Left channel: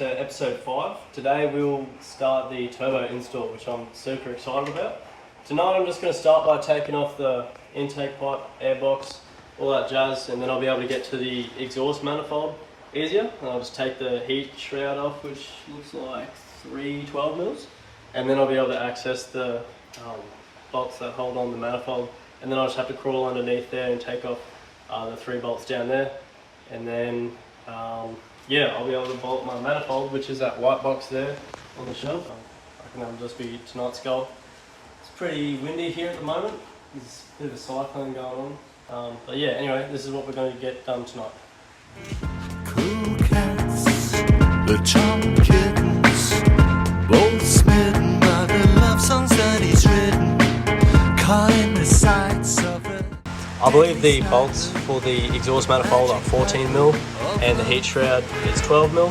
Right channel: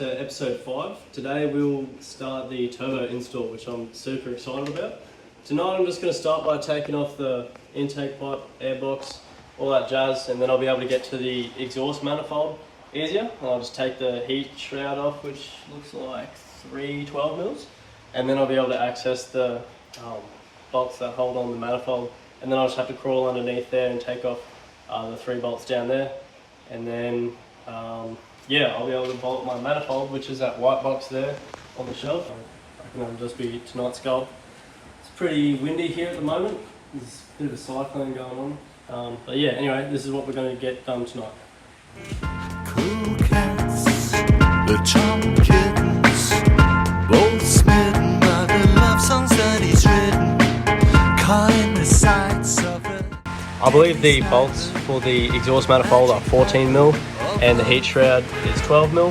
to episode 5. Today we'll start the turbo install, which I'm super excited about. Tonight I'm just going to start by taking off the intake pipe, airbox, all that jazz, and then I'll be able to get to the exhaust manifold easier. And I'll just take the heat shroud off, which looks like 3 12 mils, and then I'll be able to access the bolts that hold on the manifold, and then I'll just have to crawl underneath there and take off the 3 bolts down there, and then yeah, I'll be able to bolt my manifold, which is that white box there on the shelf. I reckon that'll just be tonight's goal. It's pretty windy here at the moment. There's a bit of a cyclone going on. But yeah, anyway, this is what we're going to get done tonight. Cool cats, the charm kittens, both smitten by the love songs that he's written, caught in the sights of it. I believe the bolts for the exhaust manifold are 14 mil and the heat shroud is 12 mil.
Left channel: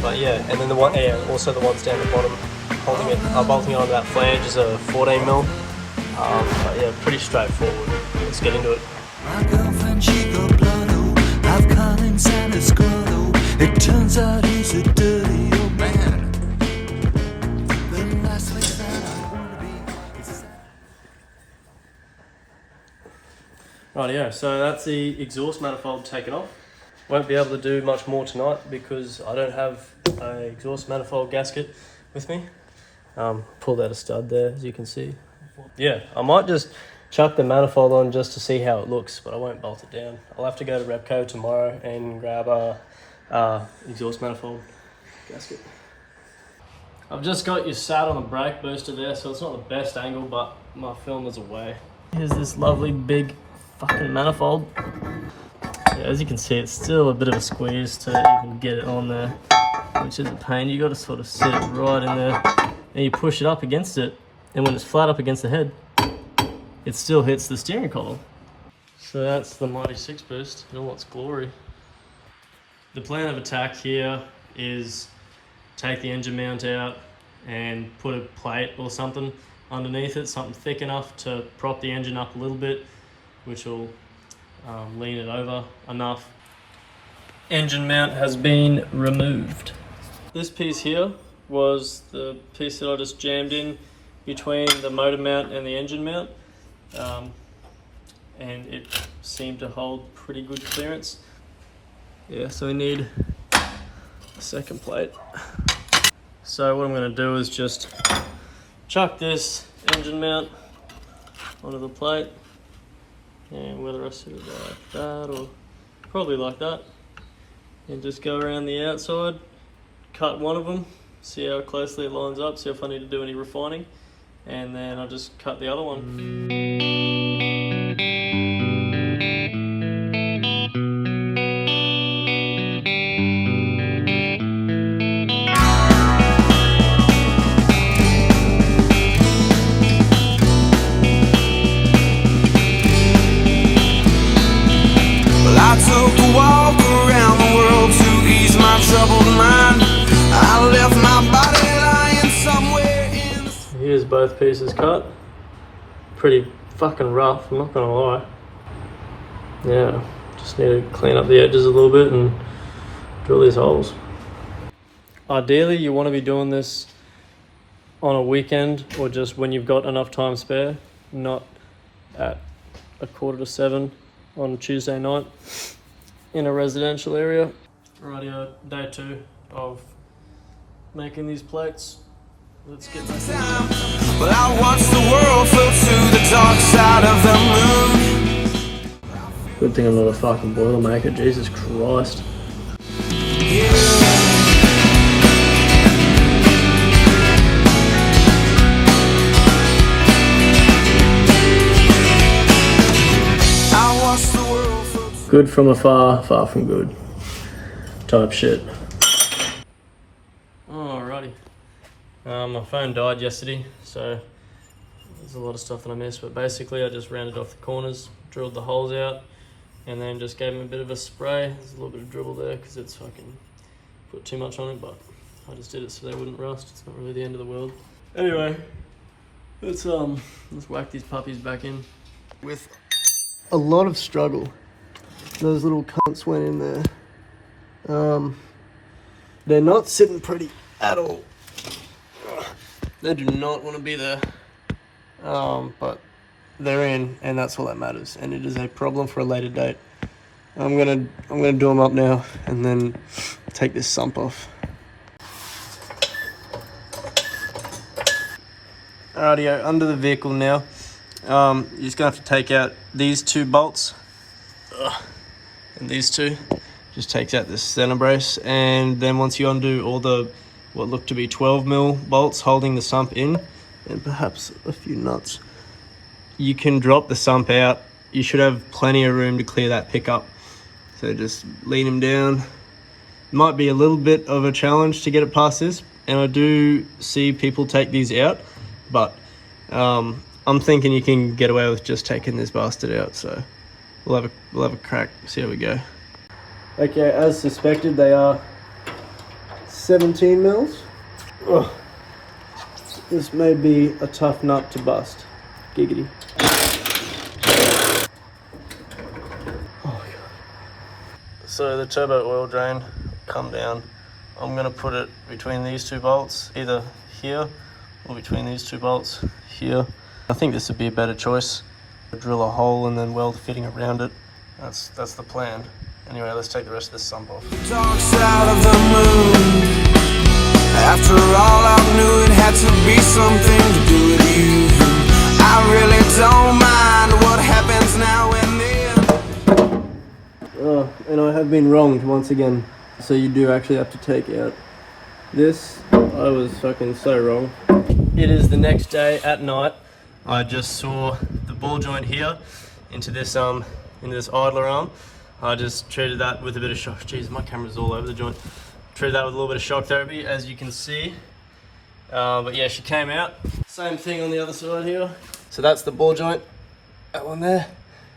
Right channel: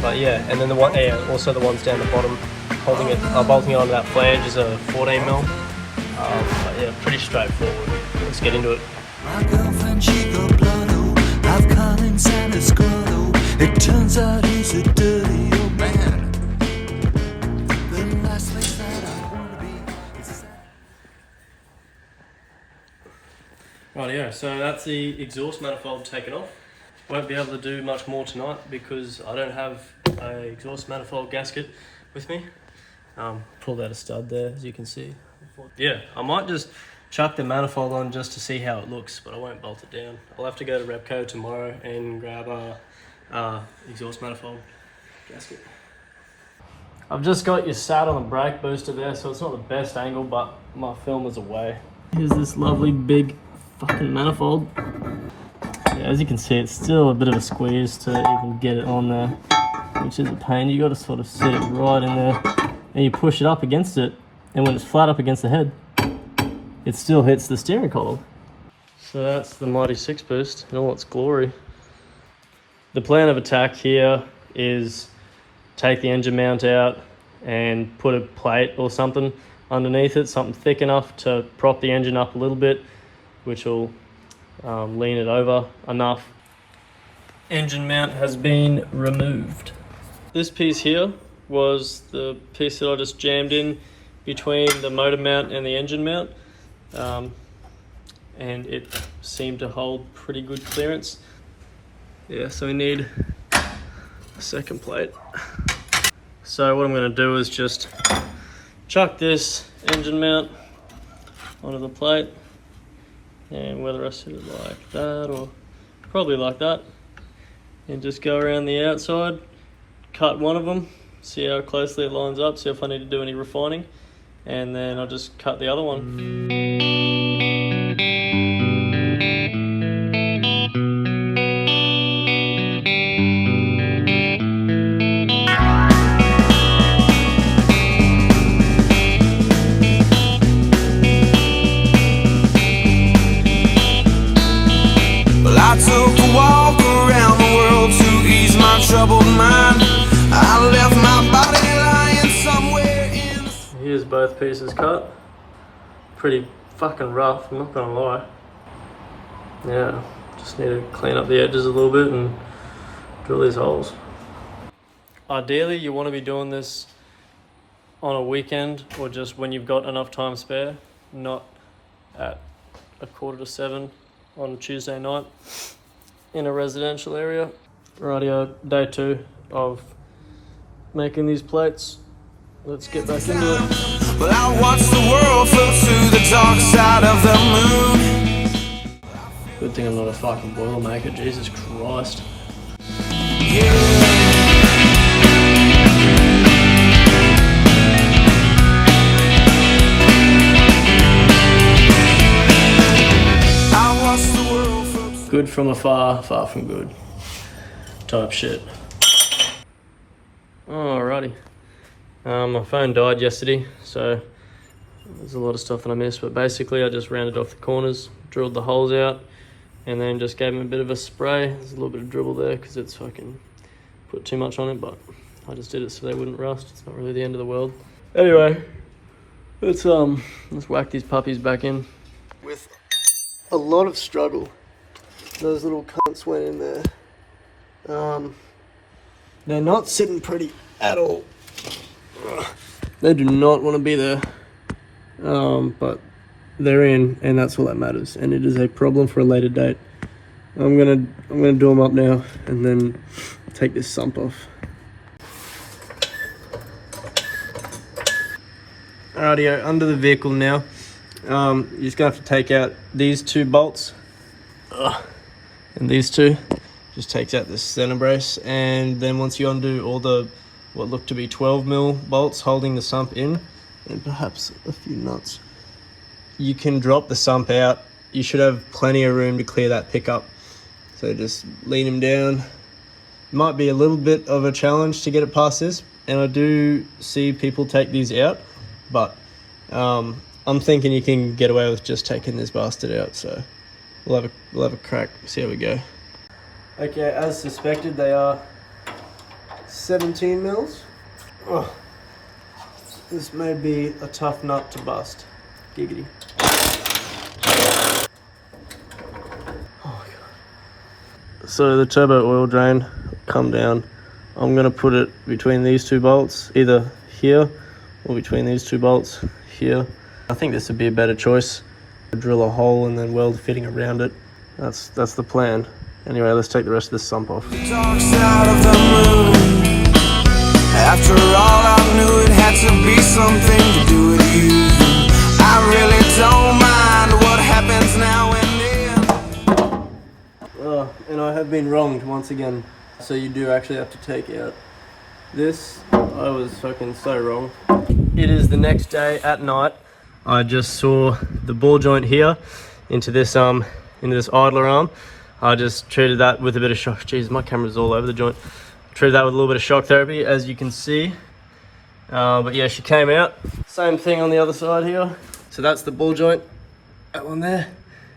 But yeah, and then also the ones down the bottom holding it, bolting onto that flange is a 14 mil. But yeah, pretty straightforward. Let's get into it. My girlfriend, she got blood, I've caught in Santa's grotto. It turns out he's a dirty old man. The last place that I want to be is Rightio, so that's the exhaust manifold taken off. Won't be able to do much more tonight because I don't have an exhaust manifold gasket with me. Pulled out a stud there, as you can see. Yeah, I might just chuck the manifold on just to see how it looks, but I won't bolt it down. I'll have to go to Repco tomorrow and grab a exhaust manifold gasket. I've just got you sat on the brake booster there, so it's not the best angle, but my film is away. Here's this lovely big fucking manifold. Yeah, as you can see, it's still a bit of a squeeze to even get it on there, which is a pain. You got to sort of sit it right in there, and you push it up against it, and when it's flat up against the head, it still hits the steering column. So that's the Mighty 6 boost in all its glory. The plan of attack here is take the engine mount out and put a plate or something underneath it, something thick enough to prop the engine up a little bit, which will lean it over enough. Engine mount has been removed. This piece here was the piece that I just jammed in between the motor mount and the engine mount, and it seemed to hold pretty good clearance. Yeah, so we need a second plate. So what I'm going to do is just chuck this engine mount onto the plate, and whether I sit it like that or probably like that, and just go around the outside, cut one of them, see how closely it lines up, see if I need to do any refining, and then I'll just cut the other one. Well, I took a walk around the world to ease my troubled mind. I left my body lying somewhere in the... Here's both pieces cut. Pretty fucking rough, I'm not gonna lie. Yeah, just need to clean up the edges a little bit and drill these holes. Ideally, you want to be doing this on a weekend or just when you've got enough time spare, not at 6:45 on Tuesday night in a residential area. Rightio, day 2 of making these plates. Let's get back into it. Well, I watched the world float to the dark side of the moon. Good thing I'm not a fucking boilermaker, Jesus Christ. Yeah. I watched the world float. Good from afar, far from good. Type shit. Alrighty. My phone died yesterday, so there's a lot of stuff that I missed, but basically I just rounded off the corners, drilled the holes out, and then just gave them a bit of a spray. There's a little bit of dribble there because it's fucking put too much on it, but I just did it so they wouldn't rust. It's not really the end of the world. Anyway, let's whack these puppies back in. With a lot of struggle, those little cunts went in there. They're not sitting pretty at all. They do not want to be there. But they're in, and that's all that matters. And it is a problem for a later date. I'm gonna do them up now and then take this sump off. Rightio, under the vehicle now. You're just gonna have to take out these two bolts. And these two. Just takes out this center brace, and then once you undo all the what look to be 12mm bolts holding the sump in, and perhaps a few nuts, you can drop the sump out. You should have plenty of room to clear that pickup. So just lean him down. Might be a little bit of a challenge to get it past this, and I do see people take these out, but I'm thinking you can get away with just taking this bastard out. So we'll have a crack, see how we go. Okay, as suspected, they are 17 mils. Oh, this may be a tough nut to bust. Giggity. Oh my god. So the turbo oil drain come down. I'm gonna put it between these two bolts, either here or between these two bolts here. I think this would be a better choice. Drill a hole and then weld fitting around it. That's the plan. Anyway, let's take the rest of this sump off. Dark side of the moon. After all, I knew it had to be something to do with you. I really don't mind what happens now and then. And I have been wronged once again. So you do actually have to take out this. I was fucking so wrong. It is the next day at night. I just saw the ball joint here into this idler arm. I just treated that with a bit of shock. Jeez, my camera's all over the joint. Treated that with a little bit of shock therapy, as you can see. But yeah, she came out. Same thing on the other side here. So that's the ball joint. That one there.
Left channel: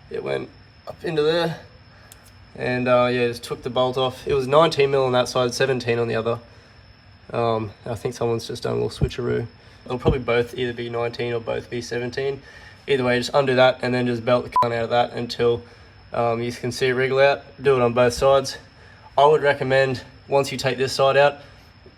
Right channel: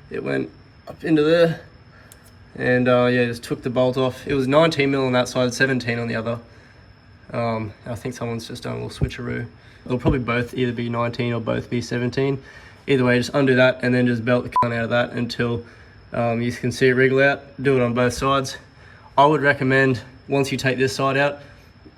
It went up into there. And yeah, just took the bolt off. It was 19mm on that side, 17 on the other. I think someone's just done a little switcheroo. They'll probably both either be 19 or both be 17. Either way, just undo that and then just belt the cunt out of that until you can see it wriggle out. Do it on both sides. I would recommend once you take this side out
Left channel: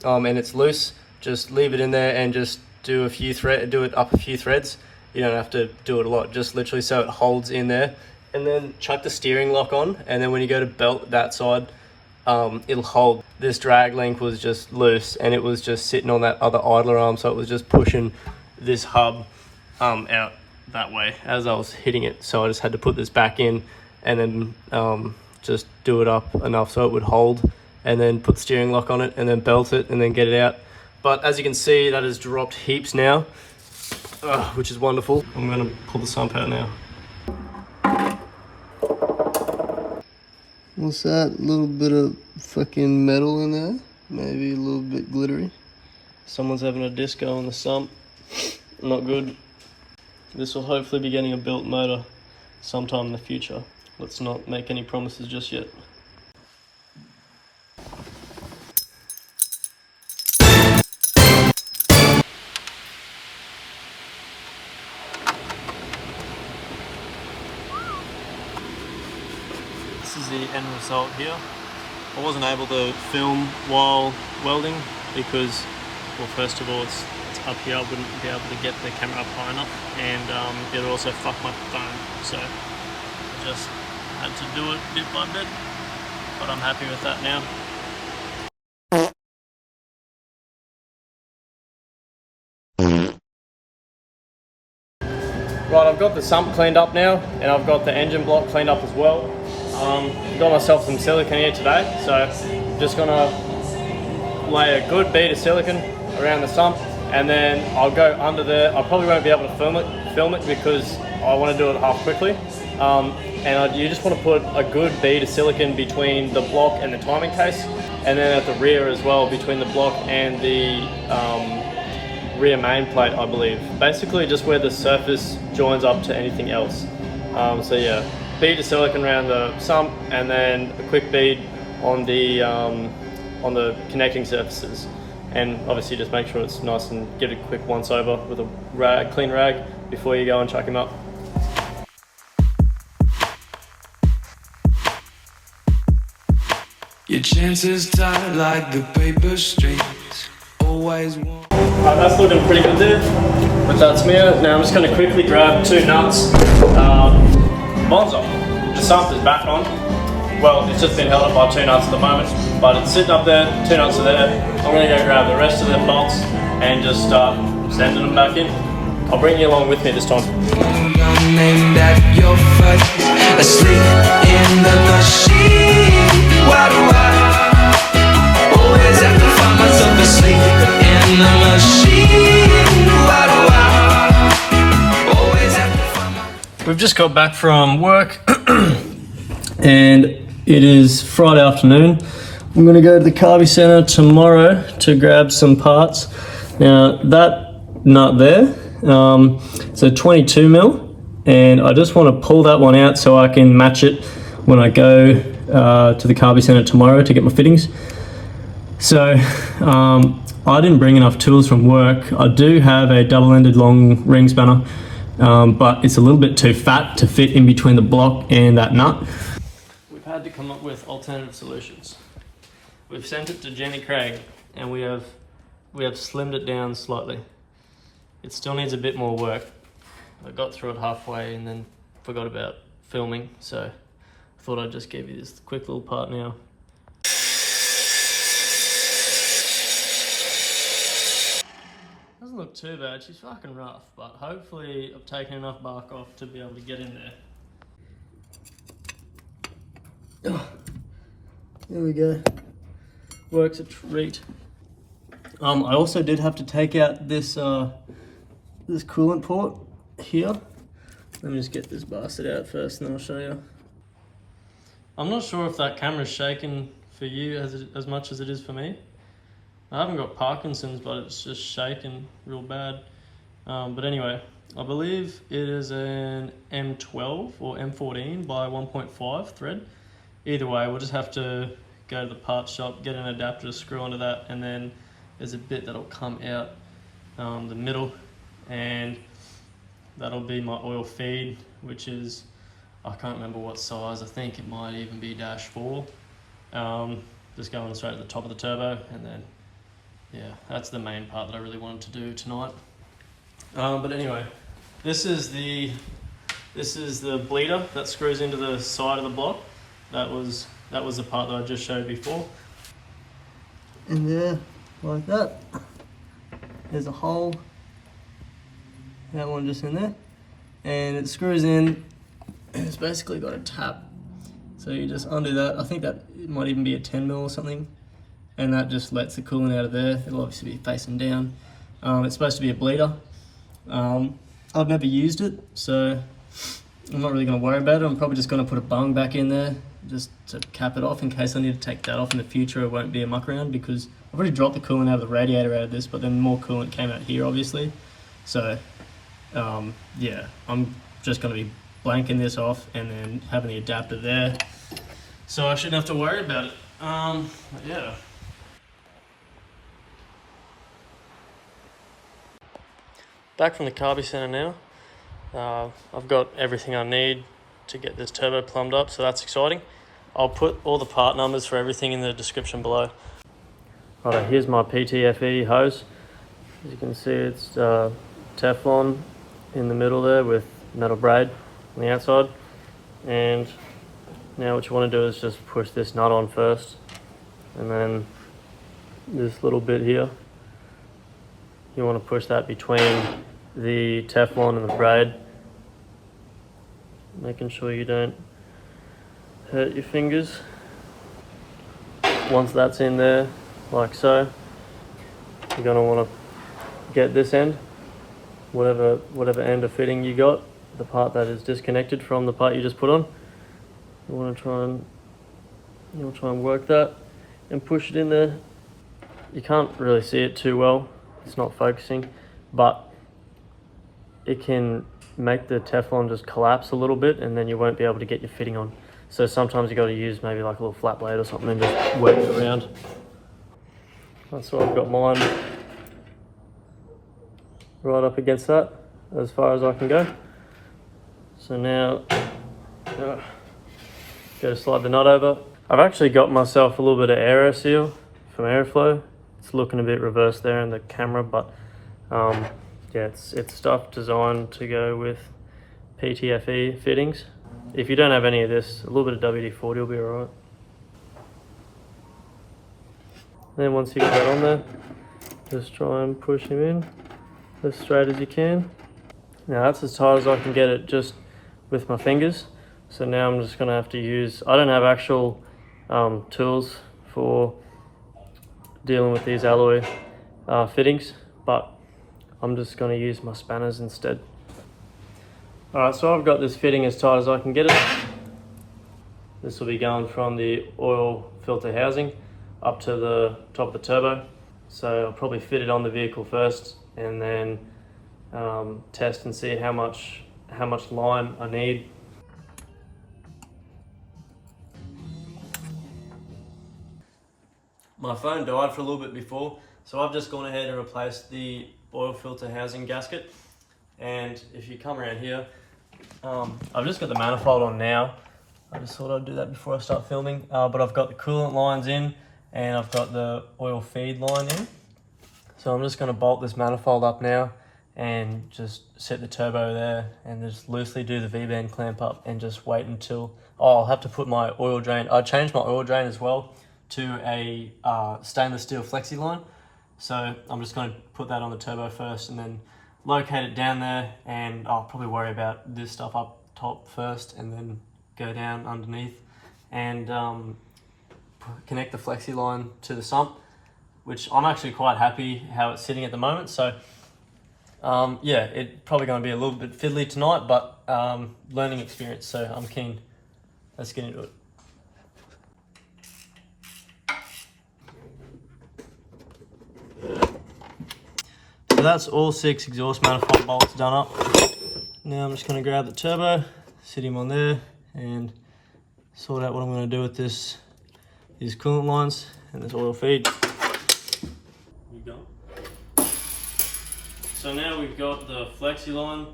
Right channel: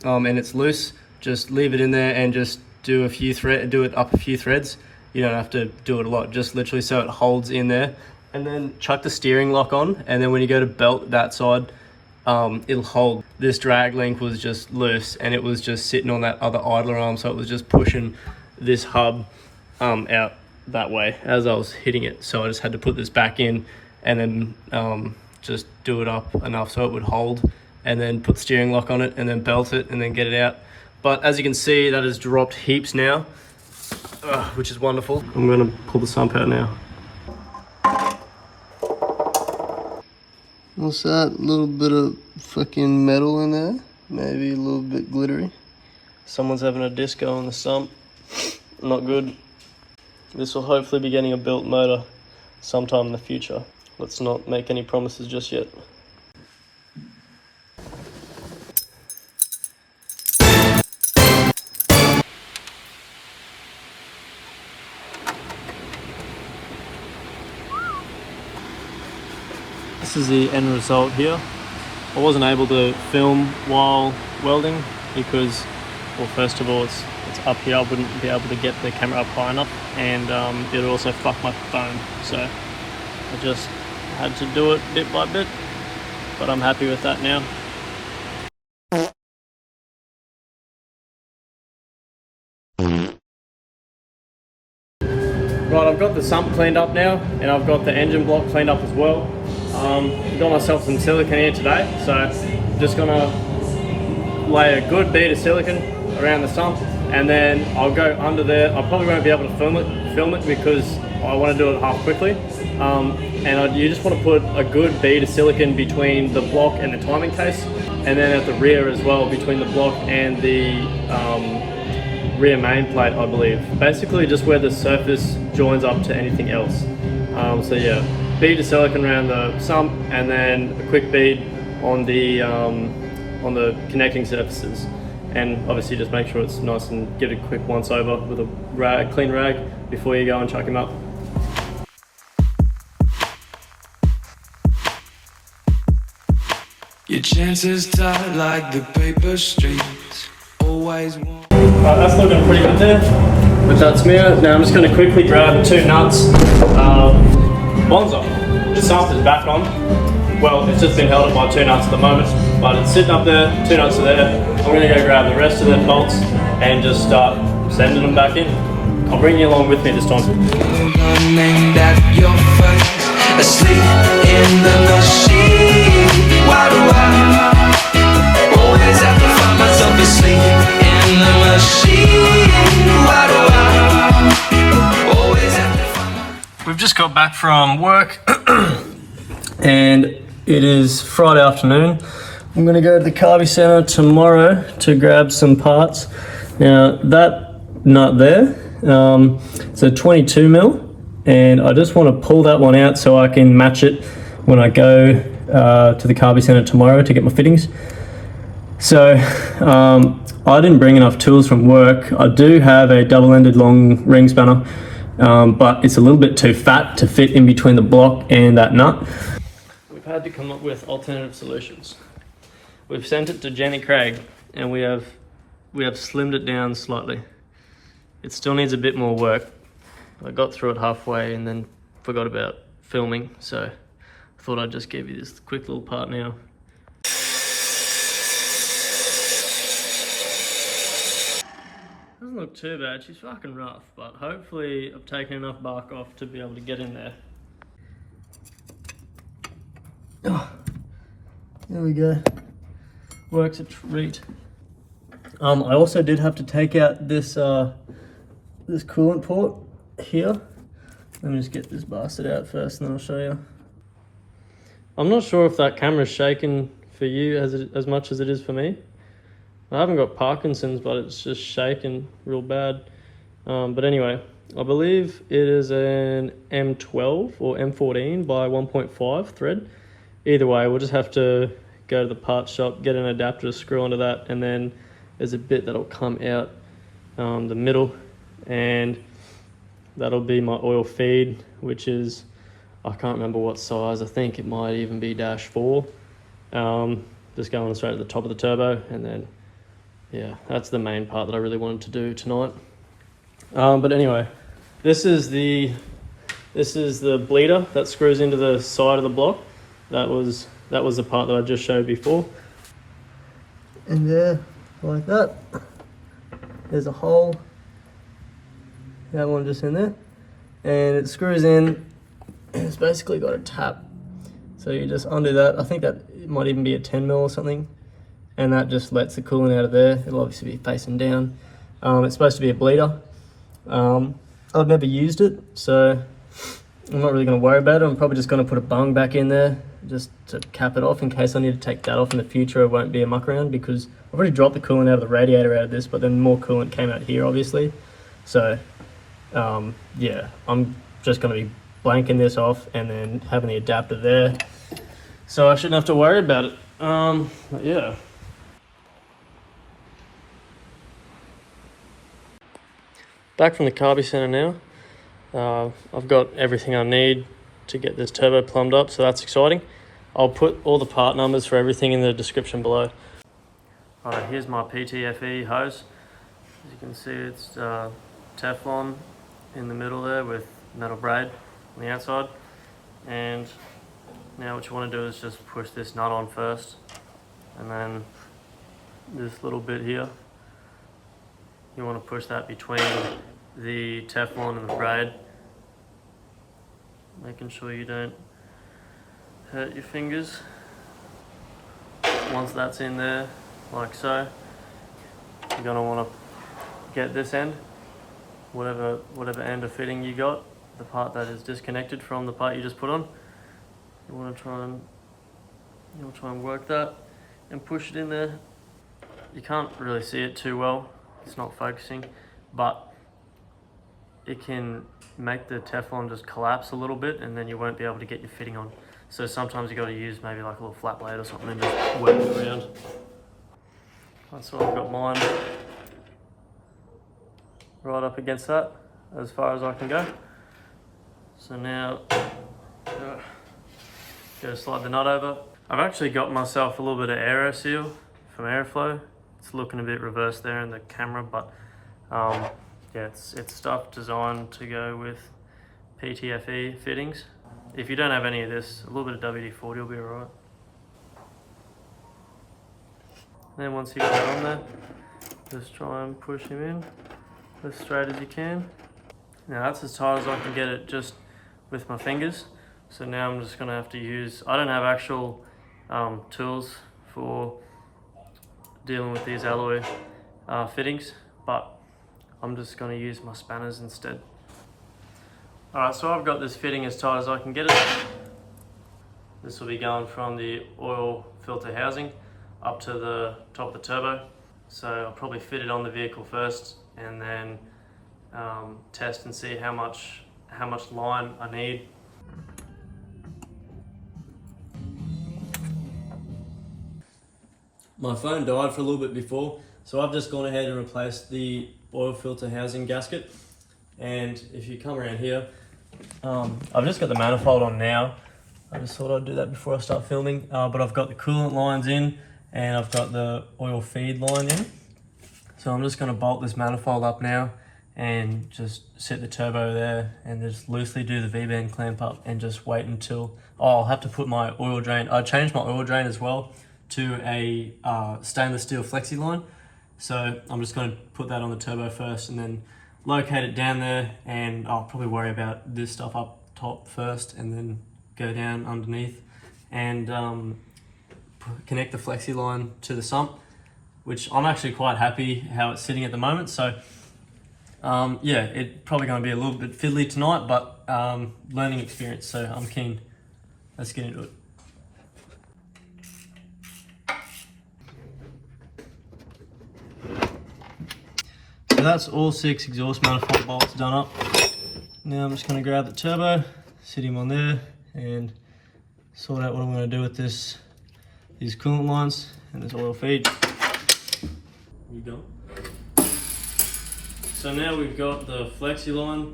and it's loose, just leave it in there and just do it up a few threads. You don't have to do it a lot, just literally so it holds in there. And then chuck the steering lock on, and then when you go to belt that side, it'll hold. This drag link was just loose and it was just sitting on that other idler arm, so it was just pushing this hub out that way as I was hitting it. So I just had to put this back in and then just do it up enough so it would hold, and then put the steering lock on it and then belt it and then get it out. But as you can see, that has dropped heaps now, which is wonderful. I'm gonna pull the sump out now. What's that? A little bit of fucking metal in there. Maybe a little bit glittery. Someone's having a disco on the sump. Not good. This will hopefully be getting a built motor sometime in the future. Let's not make any promises just yet. This is the end result here. I wasn't able to film while welding because, well, first of all, it's up here. I wouldn't be able to get the camera up high enough, and it would also fuck my phone. So I just had to do it bit by bit, but I'm happy with that now. Right, I've got the sump cleaned up now, and I've got the engine block cleaned up as well. Got myself some silicone here today, so I'm just gonna lay a good bead of silicone around the sump, and then I'll go under there. I probably won't be able to film it because I want to do it half quickly. You just want to put a good bead of silicone between the block and the timing case, and then at the rear as well, between the block and the rear main plate, I believe. Basically just where the surface joins up to anything else. So yeah, bead of silicone around the sump, and then a quick bead on the connecting surfaces. And obviously just make sure it's nice and give it a quick once over with a clean rag before you go and chuck him up. Your chances tight like the paper strings. Always want. Right, that's looking pretty good there with that smear. Now I'm just going to quickly grab 2 nuts. One's off. The sump is back on. Well, it's just been held up by 2 nuts at the moment, but it's sitting up there, 2 nuts are there. I'm going to go grab the rest of the bolts and just start sending them back in. I'll bring you along with me this time. Named at your face, asleep in the machine. Why do I always have to find myself asleep in the machine? Why do I always have to find myself? We've just got back from work and it is Friday afternoon. I'm going to go to the carby centre tomorrow to grab some parts. Now that nut there, it's a 22 mil, and I just want to pull that one out so I can match it when I go to the carby centre tomorrow to get my fittings. So I didn't bring enough tools from work. I do have a double-ended long ring spanner, but it's a little bit too fat to fit in between the block and that nut. We've had to come up with alternative solutions. We've sent it to Jenny Craig and we have slimmed it down slightly. It still needs a bit more work. I got through it halfway and then forgot about filming, so I thought I'd just give you this quick little part now. Doesn't look too bad, she's fucking rough, but hopefully I've taken enough bark off to be able to get in there. Oh, there we go. Works a treat. I also did have to take out this this coolant port here. Let me just get this bastard out first and then I'll show you. I'm not sure if that camera's shaking for you as much as it is for me. I haven't got Parkinson's, but it's just shaking real bad. But anyway, I believe it is an M12 or M14 by 1.5 thread. Either way, we'll just have to go to the parts shop, get an adapter to screw onto that, and then there's a bit that'll come out the middle, and that'll be my oil feed, which is, I can't remember what size, I think it might even be -4. Just going straight to the top of the turbo, and then yeah, that's the main part that I really wanted to do tonight. But anyway, this is the bleeder that screws into the side of the block. That was the part that I just showed before. And there, like that, there's a hole. That one just in there, and it screws in. It's basically got a tap, so you just undo that. I think that it might even be a 10 mil or something, and that just lets the coolant out of there. It'll obviously be facing down. It's supposed to be a bleeder. I've never used it, so I'm not really going to worry about it. I'm probably just going to put a bung back in there just to cap it off in case I need to take that off in the future. It won't be a muck around because I've already dropped the coolant out of the radiator out of this, but then more coolant came out here obviously. So yeah, I'm just going to be blanking this off and then having the adapter there, so I shouldn't have to worry about it. But yeah. Back from the carby center now. I've got everything I need to get this turbo plumbed up, so that's exciting. I'll put all the part numbers for everything in the description below. Alright, here's my PTFE hose. As you can see, it's Teflon in the middle there with metal braid on the outside. And now what you want to do is just push this nut on first, and then this little bit here, you want to push that between the Teflon and the braid, making sure you don't hurt your fingers. Once that's in there, like so, you're going to want to get this end, whatever end of fitting you got, the part that is disconnected from the part you just put on. You want to try and work that and push it in there. You can't really see it too well, it's not focusing, but it can make the Teflon just collapse a little bit, and then you won't be able to get your fitting on. So sometimes you got to use maybe like a little flat blade or something and just work it around. That's what I've got mine right up against that as far as I can go. So now go to slide the nut over. I've actually got myself a little bit of aero seal from airflow. It's looking a bit reversed there in the camera, but yeah, it's stuff designed to go with PTFE fittings. If you don't have any of this, a little bit of WD-40 will be alright. Then once you got that on there, just try and push him in as straight as you can. Now that's as tight as I can get it just with my fingers. So now I'm just gonna have to use, I don't have actual tools for dealing with these alloy fittings, but I'm just gonna use my spanners instead. Alright, so I've got this fitting as tight as I can get it. This will be going from the oil filter housing up to the top of the turbo. So I'll probably fit it on the vehicle first and then test and see how much line I need. My phone died for a little bit before, so I've just gone ahead and replaced the oil filter housing gasket. And if you come around here, I've just got the manifold on now. I just thought I'd do that before I start filming, but I've got the coolant lines in and I've got the oil feed line in. So I'm just going to bolt this manifold up now and just set the turbo there and just loosely do the V-band clamp up and just wait until, I'll have to put my oil drain, I changed my oil drain as well to a stainless steel flexi line. So I'm just going to put that on the turbo first and then locate it down there, and I'll probably worry about this stuff up top first and then go down underneath and connect the flexi line to the sump, which I'm actually quite happy how it's sitting at the moment. So yeah, it's probably going to be a little bit fiddly tonight, but learning experience, so I'm keen. Let's get into it. So that's all 6 exhaust manifold bolts done up. Now I'm just going to grab the turbo, sit him on there, and sort out what I'm going to do with these coolant lines and this oil feed. You go. So now we've got the flexi line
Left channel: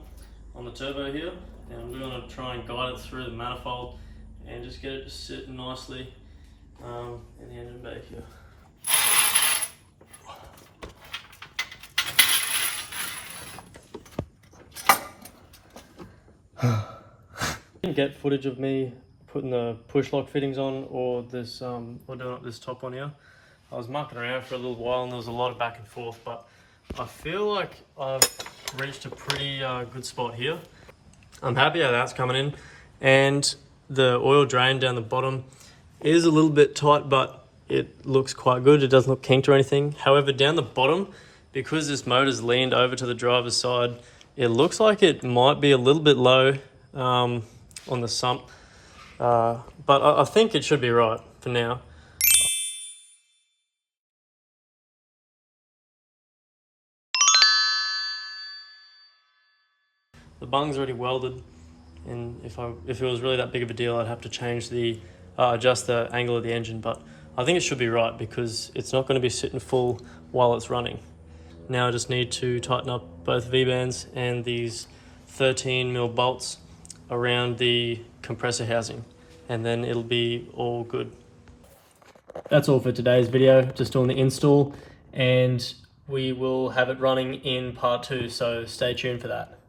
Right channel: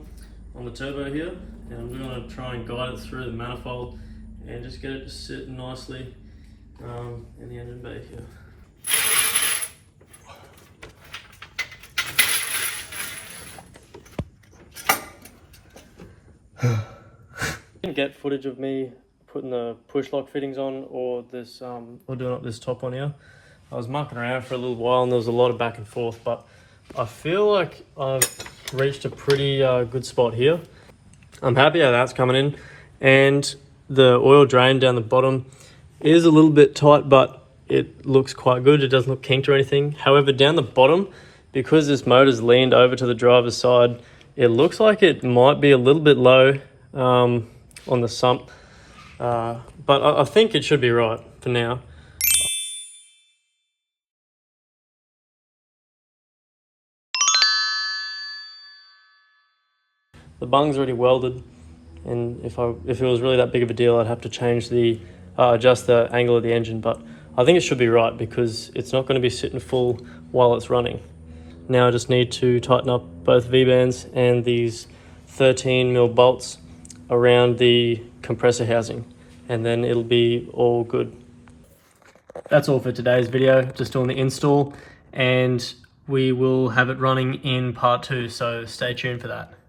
on the turbo here, and I'm going to try and guide it through the manifold and just get it to sit nicely in the engine bay here. Didn't get footage of me putting the push lock fittings on or this or doing up this top one here. I was mucking around for a little while and there was a lot of back and forth, but I feel like I've reached a pretty good spot here. I'm happy how that's coming in, and the oil drain down the bottom is a little bit tight, but it looks quite good. It doesn't look kinked or anything. However, down the bottom, because this motor's leaned over to the driver's side, it looks like it might be a little bit low on the sump, but I think it should be right for now. The bung's already welded, and if it was really that big of a deal, I'd have to change the adjust the angle of the engine, but I think it should be right because it's not going to be sitting full while it's running. Now I just need to tighten up both V-bands and these 13mm bolts around the compressor housing, and then it'll be all good. That's all for today's video, just doing the install, and we will have it running in part 2, so stay tuned for that.